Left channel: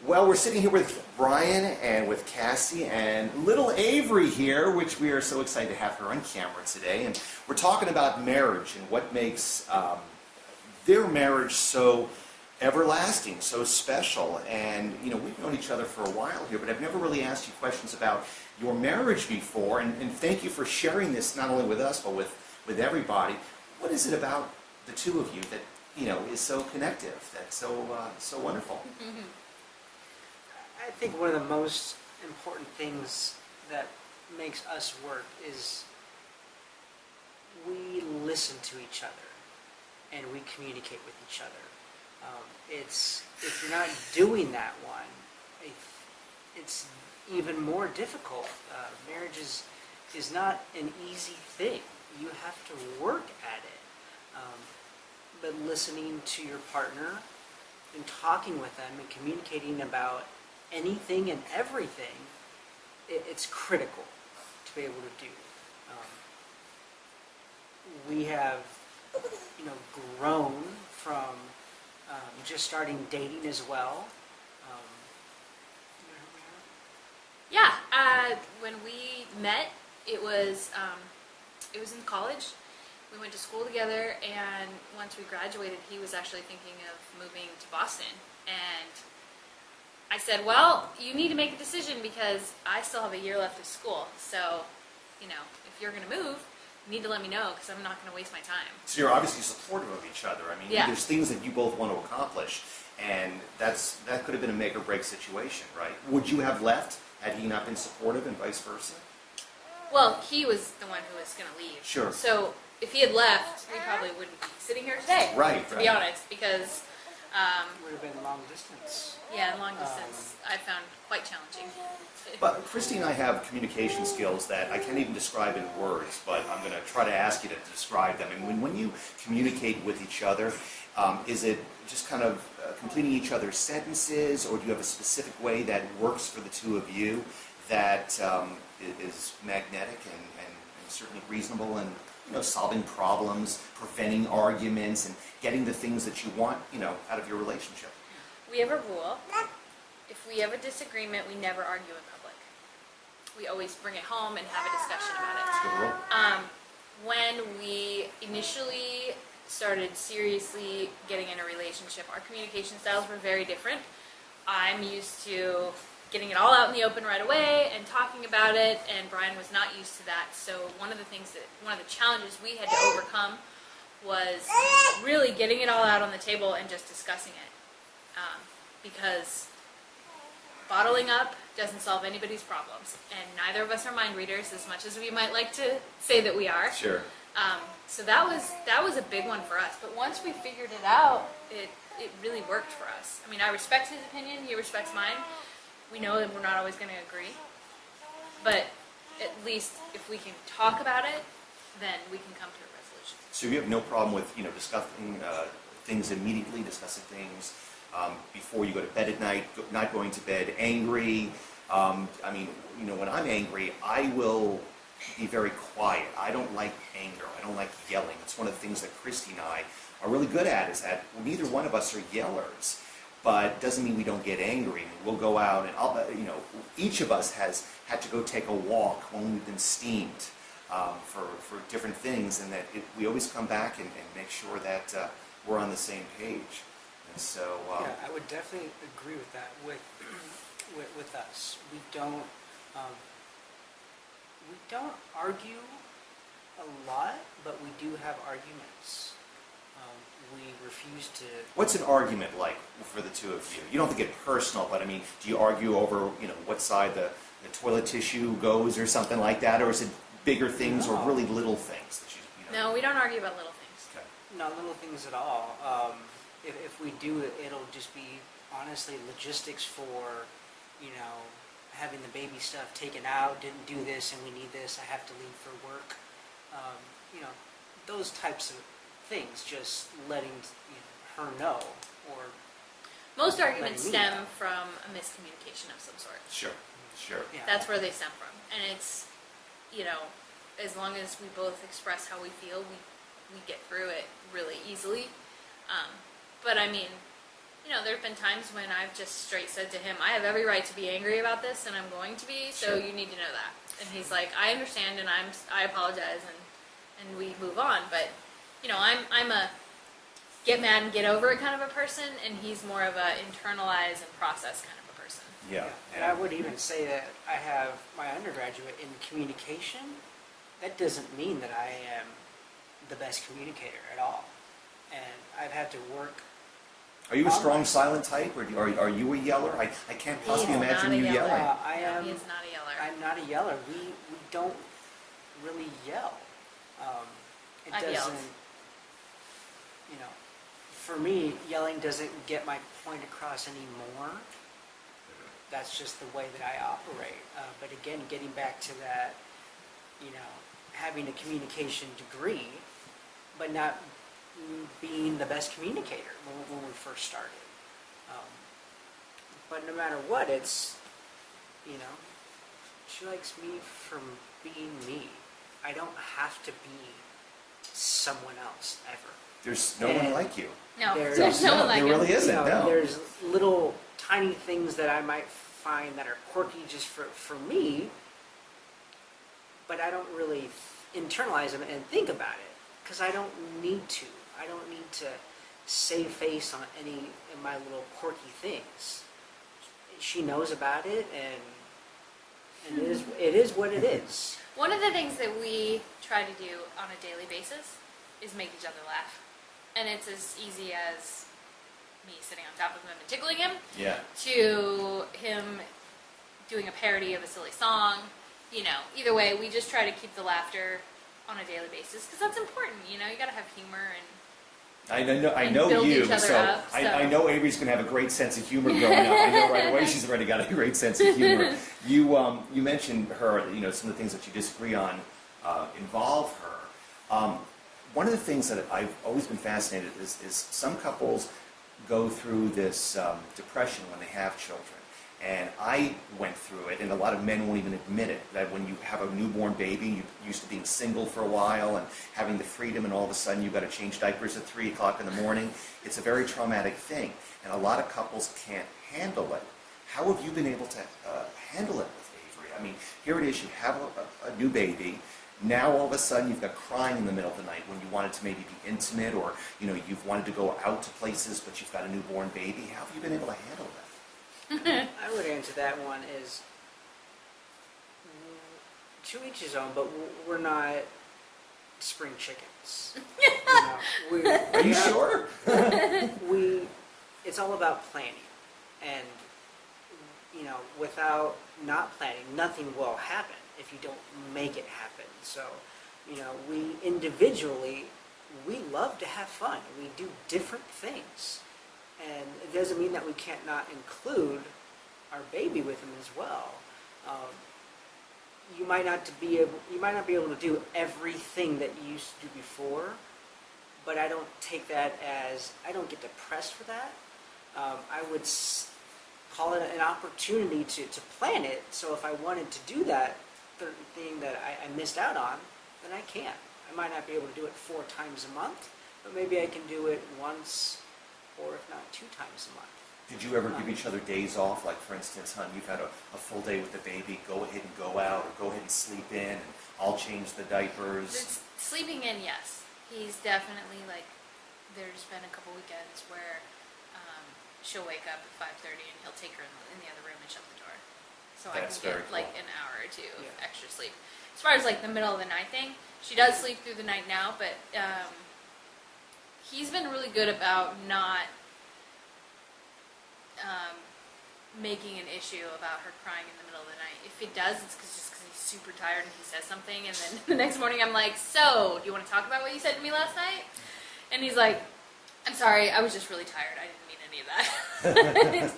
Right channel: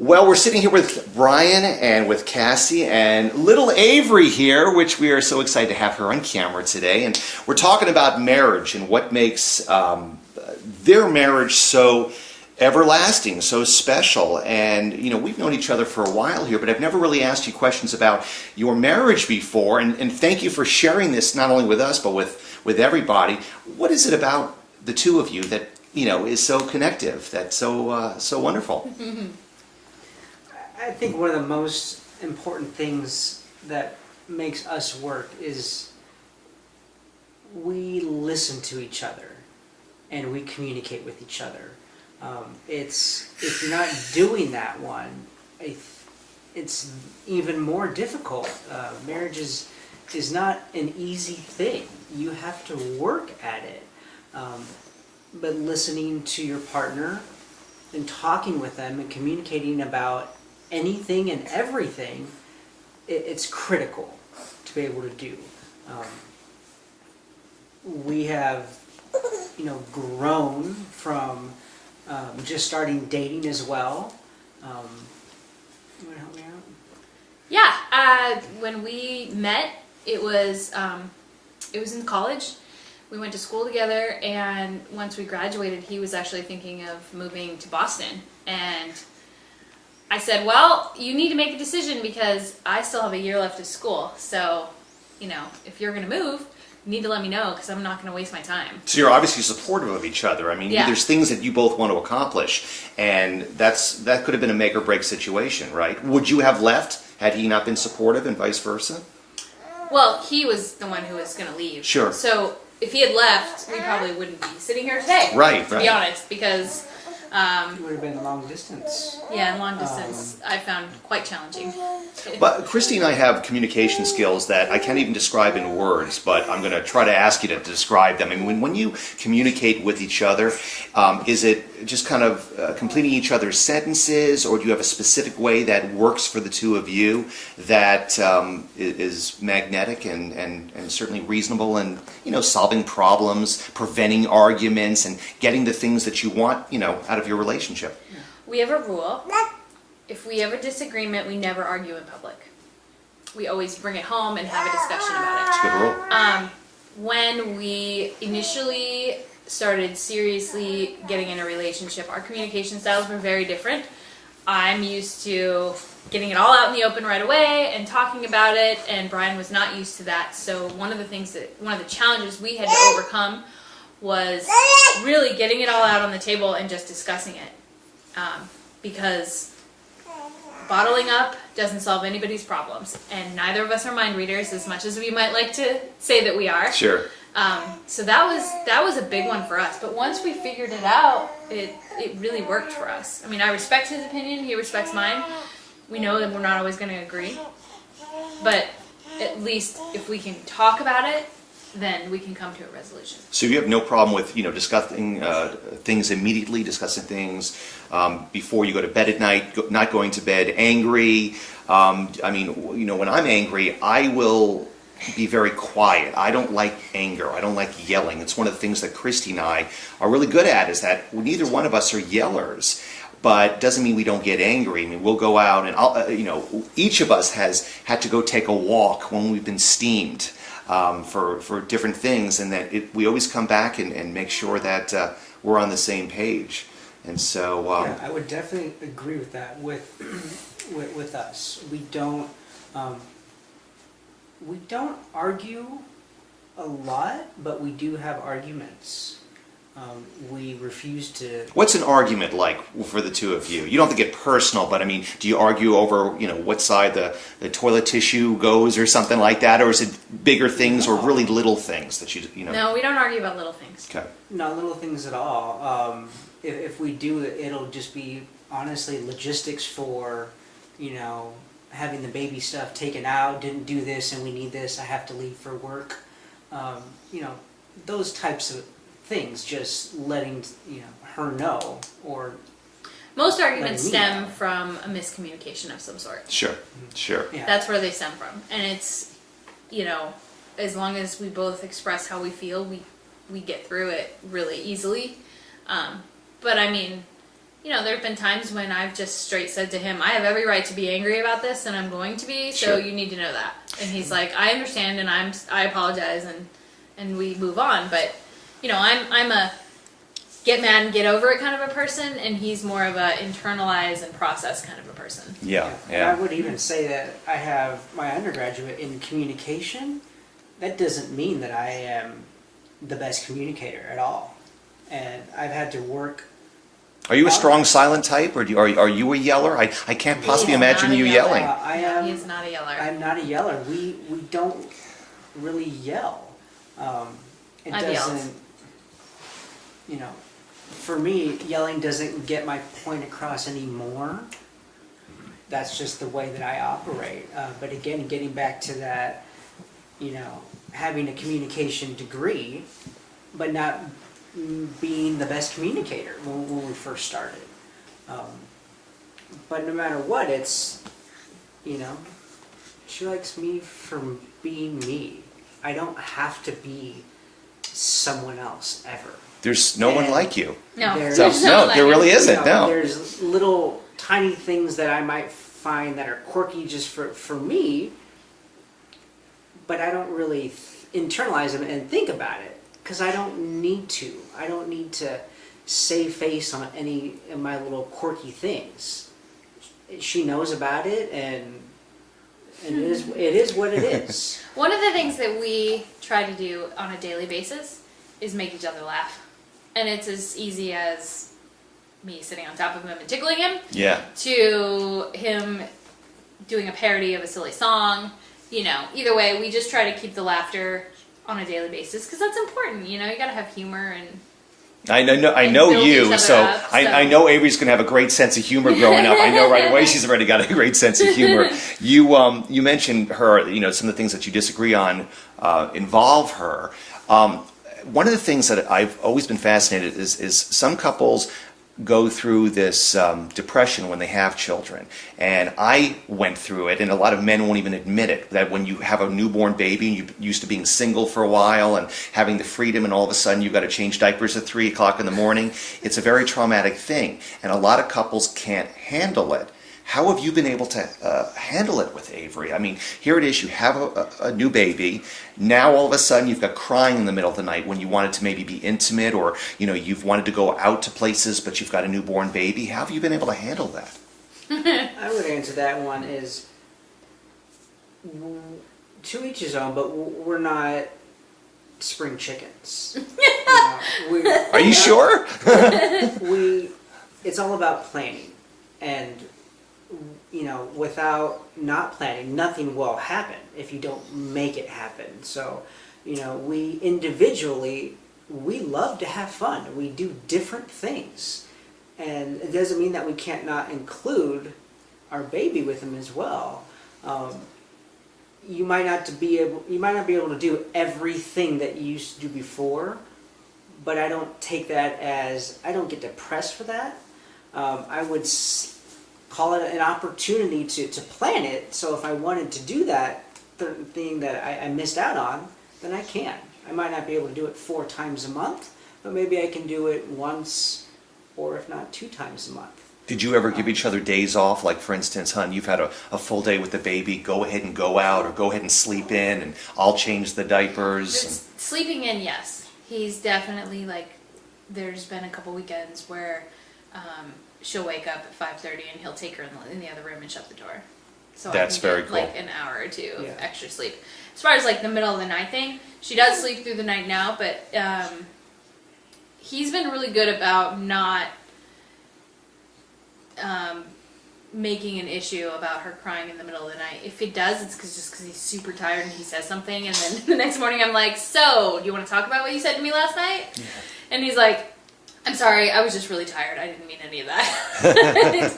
Well, we're sitting here with Bryan and with Cassie and little Avery here, which we are so excited to have her on camera today. And we're talking about marriage and what makes their marriage so everlasting, so special. And, you know, we've known each other for a while here, but I've never really asked you questions about your marriage before. And thank you for sharing this not only with us, but with everybody. What is it about the two of you that, you know, is so connective, that's so wonderful? I think one of the most important things that makes us work is we listen to each other and we communicate with each other. If you're not doing that one, it's even more difficult. Marriage is not an easy thing. You have to work at it. But listening to your partner and talking with them and communicating about anything and everything, it's critical to be able to do. We have, grown from just starting dating as well. You want to help me out? Yeah, when we met, it was in college. We went to school together, and once we graduated, he was actually thinking of moving to Boston. And I said, well, you need to make a decision because I still have a year left of school. So, if you're going to move, you need to let me know because I'm not going to waste my time. So you're obviously supportive of each other. I mean, yeah. There's things that you both want to accomplish, and that could have been a make or break situation, right? Would you have left had he not been supportive and vice versa? Well, he was the one who was going to leave. Sure. So if he had left, we probably wouldn't be sitting here today. Right, to be honest, because it would have been long distance. Yeah, and long distance I found quite challenging. But Christy and I have communication skills that I can't even describe in words, but I'm going to try to ask you to describe them. I mean, when you communicate with each other, is it just kind of completing each other's sentences, or do you have a specific way that works for the two of you that is magnetic and certainly reasonable and, solving problems, preventing arguments, and getting the things that you want, out of your relationship? We have a rule. If we have a disagreement, we never argue in public. We always bring it home and have a discussion about it. That's a good rule. When we initially started seriously getting in a relationship, our communication styles were very different. I'm used to getting it all out in the open right away and talking about it, and Bryan was not used to that. So one of the challenges we had to overcome was really getting it all out on the table and just discussing it. Because bottling up doesn't solve anybody's problems, and neither of us are mind readers as much as we might like to say that we are. Sure. So that was a big one for us. But once we figured it out, it really worked for us. I mean, I respect his opinion, he respects mine. We know that we're not always going to agree, but at least if we can talk about it, then we can come to a resolution. So you have no problem with, discussing things immediately, discussing things before you go to bed at night, not going to bed angry. When I'm angry, I will be very quiet. I don't like anger. I don't like yelling. It's one of the things that Christy and I are really good at, is that neither one of us are yellers. But doesn't mean we don't get angry. I mean, we'll go out and each of us has had to go take a walk when we've been steamed for different things, and that we always come back and make sure that we're on the same page. And so yeah, I would definitely agree with that. With us, we don't argue a lot, but we do have arguments. We refuse to... What's an argument like for the two of you? You don't have to get personal, but I mean, do you argue over, what side the toilet tissue goes or something like that? Or is it bigger things or really little things that you know? No, we don't argue about little things. Okay. Not little things at all. If we do it, it'll just be, honestly, logistics for, having the baby stuff taken out, didn't do this and we need this, I have to leave for work. Those types of things, just letting her know, or most arguments stem from a miscommunication of some sort. Sure. Yeah. That's where they stem from, and it's as long as we both express how we feel, we get through it really easily. But I mean, you know, there have been times when I've just straight said to him, I have every right to be angry about this, and I'm going to be, so Sure. you need to know that. And he's like, I understand, and I apologize, and we move on. But, you know, I'm a get mad and get over it kind of a person, and he's more of a internalize and process kind of a person. Yeah, And I would even say that I have my undergraduate in communication. That doesn't mean that I am the best communicator at all. And I've had to work. Are you a strong silent type, or are you a yeller? I can't possibly He is imagine not a you yeller. yelling. I am. He is not a yeller. I'm not a yeller. We don't really yell. It I've doesn't. yelled. You know, for me, yelling doesn't get my point across anymore. That's just the way that I operate. But again, getting back to that, you know, having a communication degree, but not being the best communicator when we first started. But no matter what, it's, you know, she likes me for being me. I don't have to be someone else ever. There's no one And like you. No, There's- there's no No, like there him. really isn't. You know, No. There's little tiny things that I might find that are quirky just for me, but I don't really internalize them and think about it because I don't need to. I don't need to save face on any of my little quirky things. She knows about it, and it is what it is. One of the things that we try to do on a daily basis is make each other laugh. And it's as easy as me sitting on top of him and tickling him, Yeah. to him doing a parody of a silly song. You know, either way, we just try to keep the laughter on a daily basis because that's important. You know, you gotta have humor and I know And you, build each other so up, I so. know Avery's gonna have a great sense of humor growing up. I know right away she's already got a great sense of humor. You mentioned her, you know, some of the things that you disagree on involve her. One of the things that I've always been fascinated is some couples go through this depression when they have children. And I went through it, and a lot of men won't even admit it, that when you have a newborn baby, you're used to being single for a while and having the freedom, and all of a sudden you've got to change diapers at 3 o'clock in the morning. It's a very traumatic thing, and a lot of couples can't handle it. How have you been able to handle it with Avery? I mean, here it is, you have a new baby. Now all of a sudden you've got crying in the middle of the night when you wanted to maybe be intimate, or you know, you've wanted to go out to places, but you've got a newborn baby. How have you been able to handle that? I would answer that one is to each his own, but we're not spring chickens. You know, Are you sure? It's all about planning, and you know, without not planning, nothing will happen if you don't make it happen. So, you know, we individually, we love to have fun. We do different things, and it doesn't mean that we can't not include our baby with them as well. You might not be able to do everything that you used to do before, but I don't take that as, I don't get depressed for that. I would call it an opportunity to plan it. So if I wanted to do that certain thing that I missed out on, then I can. I might not be able to do it 4 times a month, but maybe I can do it once, or if not 2 times a month. Did you ever give each other days off? Like, for instance, hon, you've had a full day with the baby. Go ahead and go out, or go ahead and sleep in, and I'll change the diapers. Sleeping in, yes. He's definitely like, there's been a couple weekends where she'll wake up at 5:30 and he'll take her in the other room and shut the door. So That's I can very get cool. like an hour or 2 of Yeah. extra sleep. As far as like the middle of the night thing, she does sleep through the night now, but he's been really good about not making an issue about her crying in the middle of the night. If it does, it's just because he's super tired and he says something, and then the next morning I'm like, so, do you want to talk about what you said to me last night? Yeah. And he's like, I'm sorry, I was just really tired. I didn't mean any of that.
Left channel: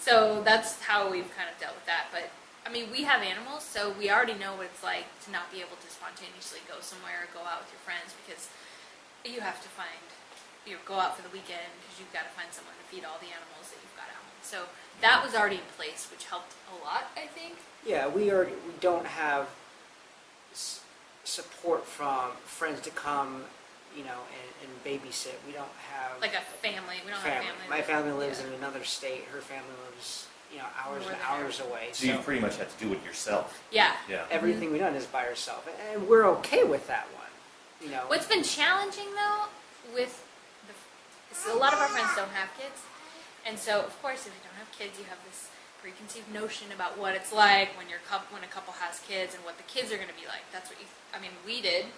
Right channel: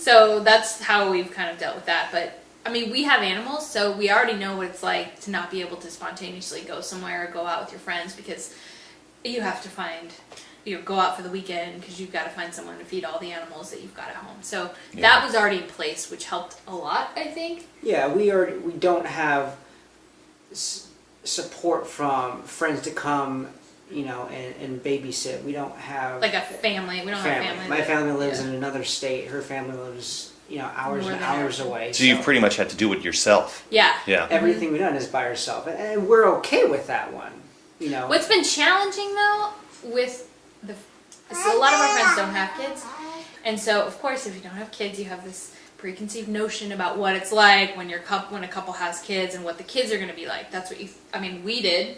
So that's how we've kind of dealt with that. But, I mean, we have animals, so we already know what it's like to not be able to spontaneously go somewhere or go out with your friends, because you have to go out for the weekend because you've got to find someone to feed all the animals that you've got at home. So that was already in place, which helped a lot, I think. Yeah, we don't have support from friends to come, and babysit. We don't have Like a family. We don't have family. My family lives yeah. in another state. Her family lives, hours More and than hours away. So you've pretty much had to do it yourself. Yeah. Yeah. Everything we've done is by herself, and we're okay with that one. What's been challenging though with so a lot of our friends don't have kids, and so of course if you don't have kids, you have this preconceived notion about what it's like when when a couple has kids and what the kids are going to be like. That's what we did.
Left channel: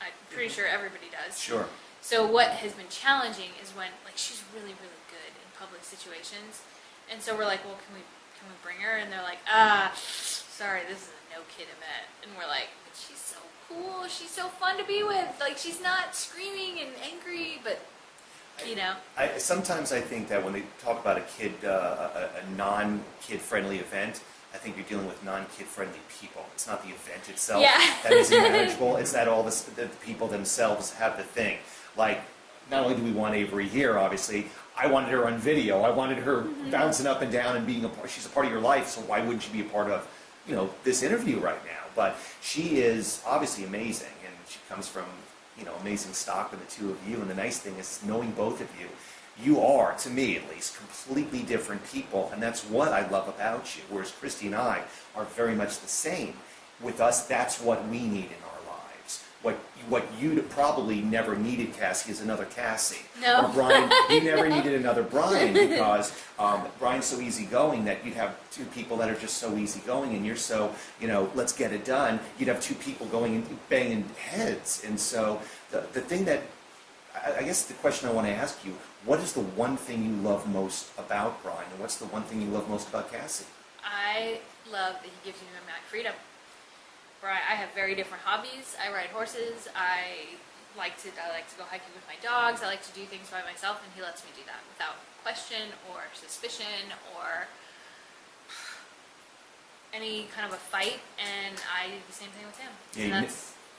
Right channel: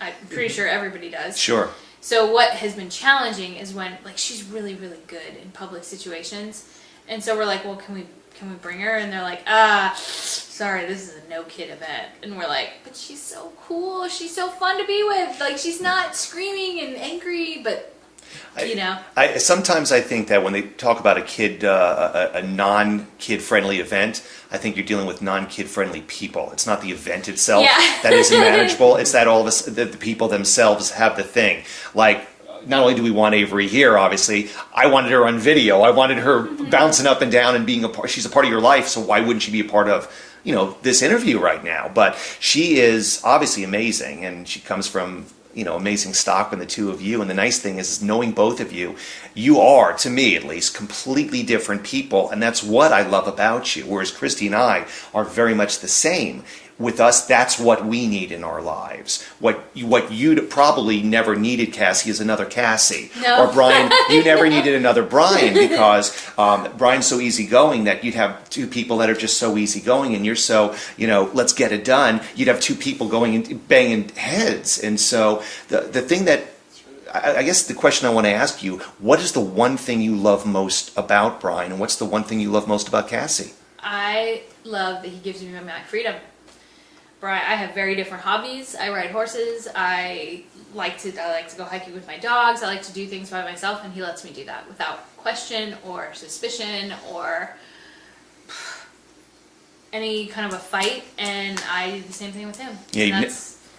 I'm pretty sure everybody does. Sure. So what has been challenging is when she's really really good in public situations, and so we're like, well, can we bring her? And they're like, sorry, this is a no kid event. And we're like, but she's so cool, she's so fun to be with, she's not screaming and angry, but Sometimes I think that when they talk about a non-kid friendly event, I think you're dealing with non-kid friendly people. It's not the event itself that isn't manageable. It's that all of us, the people themselves have the thing. Not only do we want Avery here, obviously, I wanted her on video. I wanted her bouncing up and down and being a part. She's a part of your life, so why wouldn't she be a part of, this interview right now? But she is obviously amazing, and she comes from, amazing stock in the two of you. And the nice thing is knowing both of you, you are, to me at least, completely different people, and that's what I love about you. Whereas Christy and I are very much the same. With us, that's what we need in our lives. What you probably never needed, Cassie, is another Cassie. No. Or Bryan, you never needed another Bryan, because Bryan's so easygoing that you'd have two people that are just so easygoing, and you're so, let's get it done. You'd have two people going and banging heads. And so the thing that, I guess the question I want to ask you, what is the one thing you love most about Bryan, and what's the one thing you love most about Cassie? I love that he gives me my freedom. Bryan, I have very different hobbies. I ride horses. I like to go hiking with my dogs. I like to do things by myself, and he lets me do that without question or suspicion or any kind of a fight. And I do the same thing with him. Yeah, and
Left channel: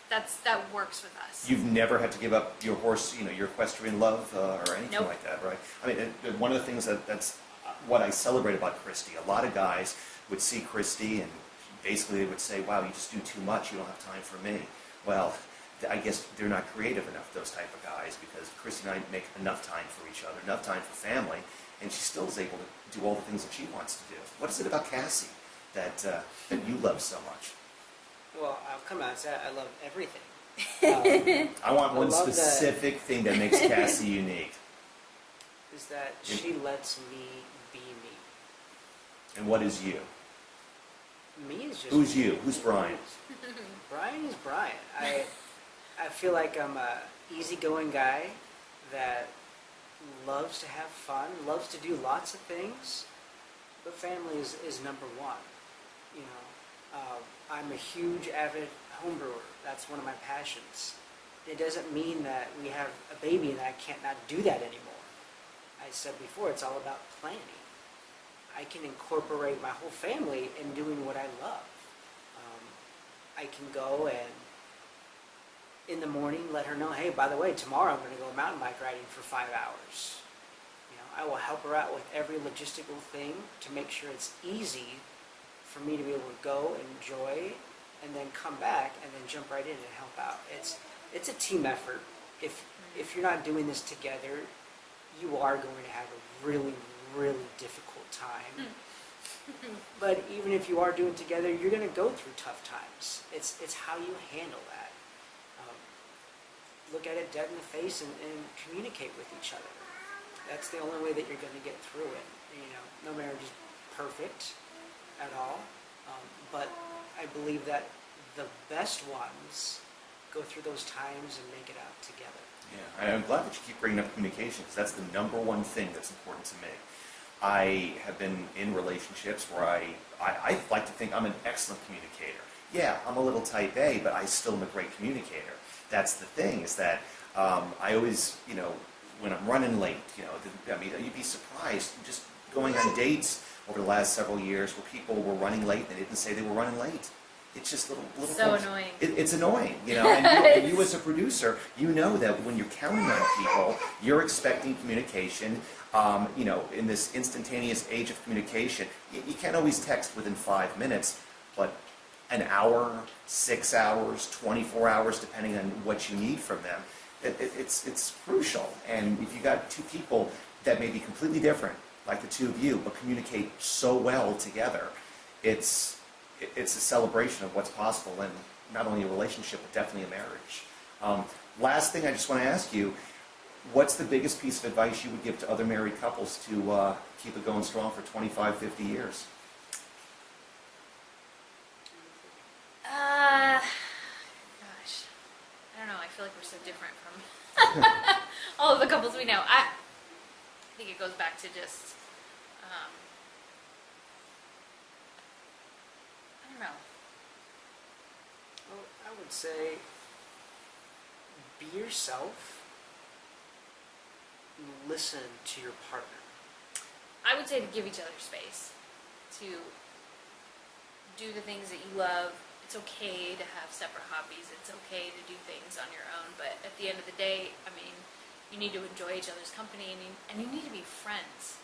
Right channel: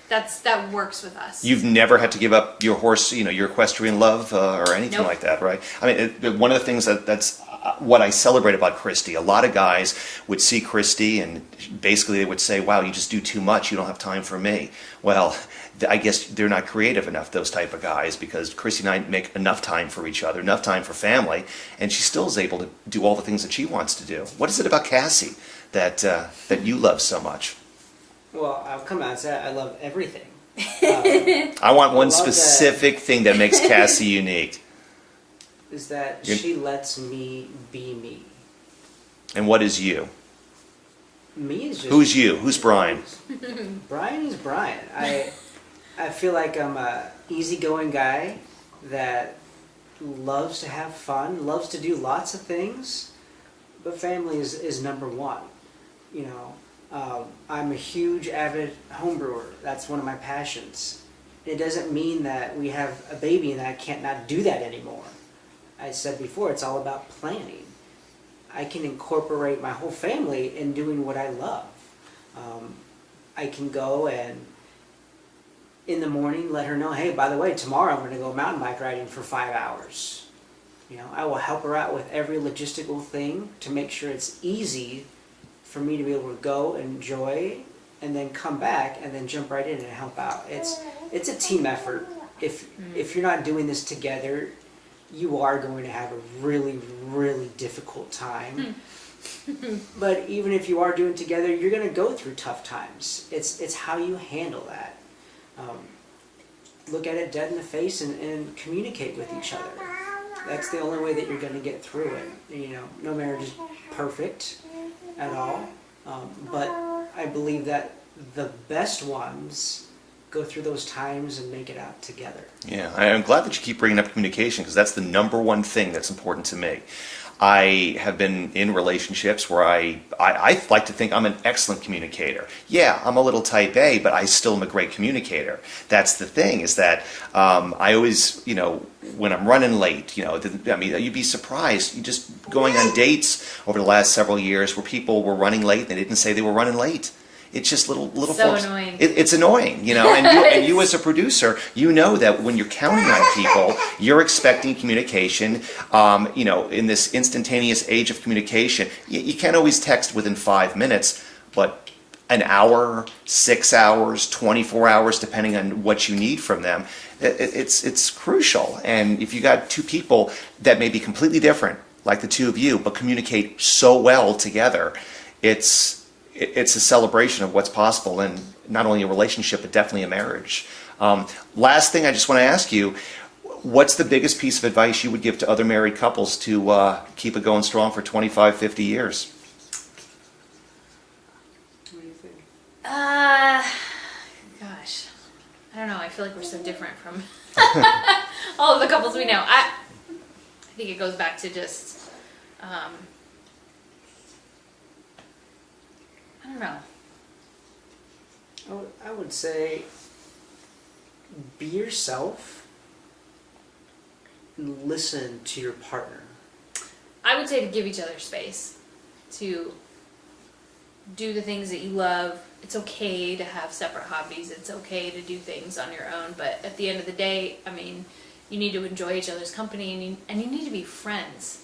that works with us. You've never had to give up your horse, your equestrian love or anything Nope. like that, right? I mean, one of the things that's what I celebrate about Christy. A lot of guys would see Christy and basically they would say, wow, you just do too much. You don't have time for me. Well, I guess they're not creative enough, those type of guys, because Christy and I make enough time for each other, enough time for family, and she still is able to do all the things that she wants to do. What is it about Cassie that you love so much? Well, I'll come out and say I love everything. I want one I love specific thing that makes Cassie unique. Is that she lets me be me. And what is you? Me is just... Who's you? Who's Bryan? Bryan is Bryan. I feel like I'm a easygoing guy that loves to have fun, loves to do lots of things, but family is number one. I'm a huge avid home brewer. That's one of my passions. It doesn't mean that we have a baby and that I can't not do that anymore. I said before, it's all about planning. I can incorporate my whole family in doing what I love. I can go and in the morning let her know, hey, by the way, tomorrow I'm going to go mountain bike riding for 5 hours. I will help her out with every logistical thing to make sure it's easy for me to be able to go, enjoy, and then come back and then jump right in and help out. It's a team effort. If you're not doing this together, you are going to have a really, really difficult time. But even if you are doing it together, you're going to go through tough times. It's how you handle that. Look at it dead in the face and communicate with each other. That's the only way that you're going to get through it. No marriage is perfect at all, but I believe that the best ones go through those times and make it out together. Yeah, I'm glad that you keep bringing up communication, because that's the number one thing that's important to me. I have been in relationships where I like to think I'm an excellent communicator. Yeah, I'm a little type A, but I still am a great communicator. That's the thing, is that I always, when I'm running late, you'd be surprised. You just going on dates over the last several years where people were running late and they didn't say they were running late. It's just little so folks. Annoying. It's annoying, and you as a producer, you know that when you're counting on people, you're expecting communication. In this instantaneous age of communication, you can't always text within 5 minutes, but an hour, 6 hours, 24 hours, depending on what you need from them. it's crucial. And if you got two people that may be completely different, like the two of you, but communicate so well together, it's a celebration of what's possible in not only a relationship, but definitely a marriage. Last thing I just want to ask you, what's the biggest piece of advice you would give to other married couples to keep it going strong for 25, 50 years? Gosh, I don't know. I feel like we're so different from all of the couples we know. I think it goes back to just, I don't know. I would say be yourself and listen to your partner. I would say to give each other space, to do the things that you love. It's okay to have separate hobbies. It's okay to do things on your own. But at the end of the day, I mean, you need to enjoy each other's company, and you need to be friends.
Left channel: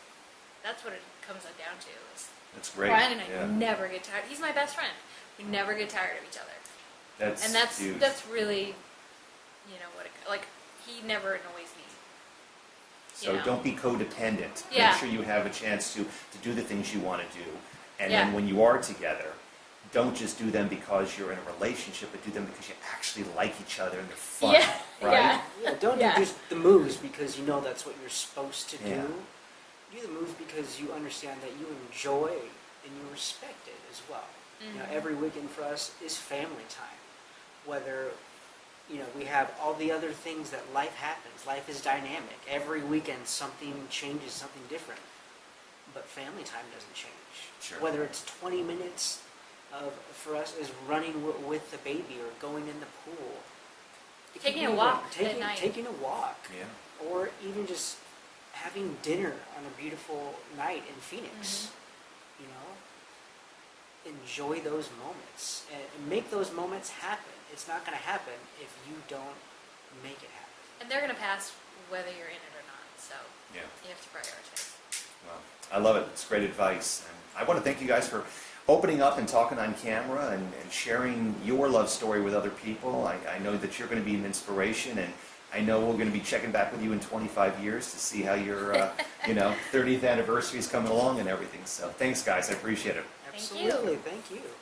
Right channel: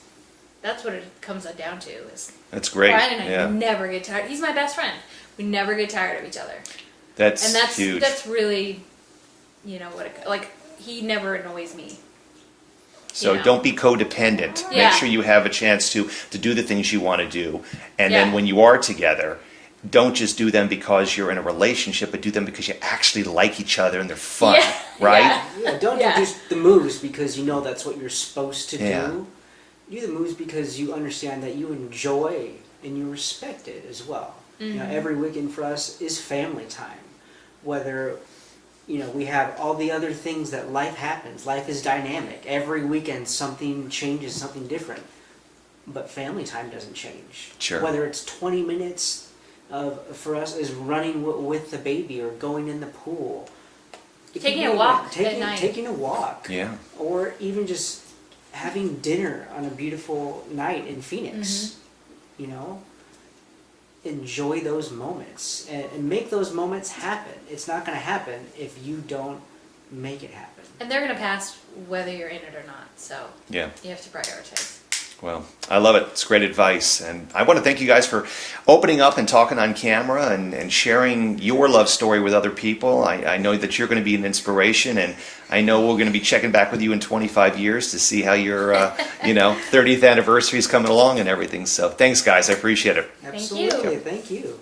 That's what it comes down to. Is That's great. Brian and I Yeah. never get tired. He's my best friend. We never get tired of each other. That's huge. That's really, like, he never annoys me. So you know. don't be codependent. Yeah. Make sure you have a chance to do the things you want to do. And Yeah. then when you are together, don't just do them because you're in a relationship, but do them because you actually like each other and they're fun, Yeah. right? Yeah. Yeah, don't Yeah. do just the moves because you know that's what you're supposed to Yeah. do. Do the moves because you understand that you enjoy and you respect it as well. You know, every weekend for us is family time. Whether, we have all the other things that life happens. Life is dynamic. Every weekend something changes, something different. But family time doesn't change. Sure. Whether it's 20 minutes for us is running with the baby or going in the pool. It can Taking be a walk at night. Taking a walk. Yeah. Or even just having dinner on a beautiful night in Phoenix. Enjoy those moments and make those moments happen. It's not going to happen if you don't make it happen. And they're going to pass whether you're in it or not. So Yeah. you have to prioritize. Well, I love it. It's great advice. And I want to thank you guys for opening up and talking on camera and sharing your love story with other people. I know that you're going to be an inspiration, and I know we're going to be checking back with you in 25 years to see how your 30th anniversary is coming along and everything. So thanks, guys. I appreciate it. Thank you. Absolutely. Thank you.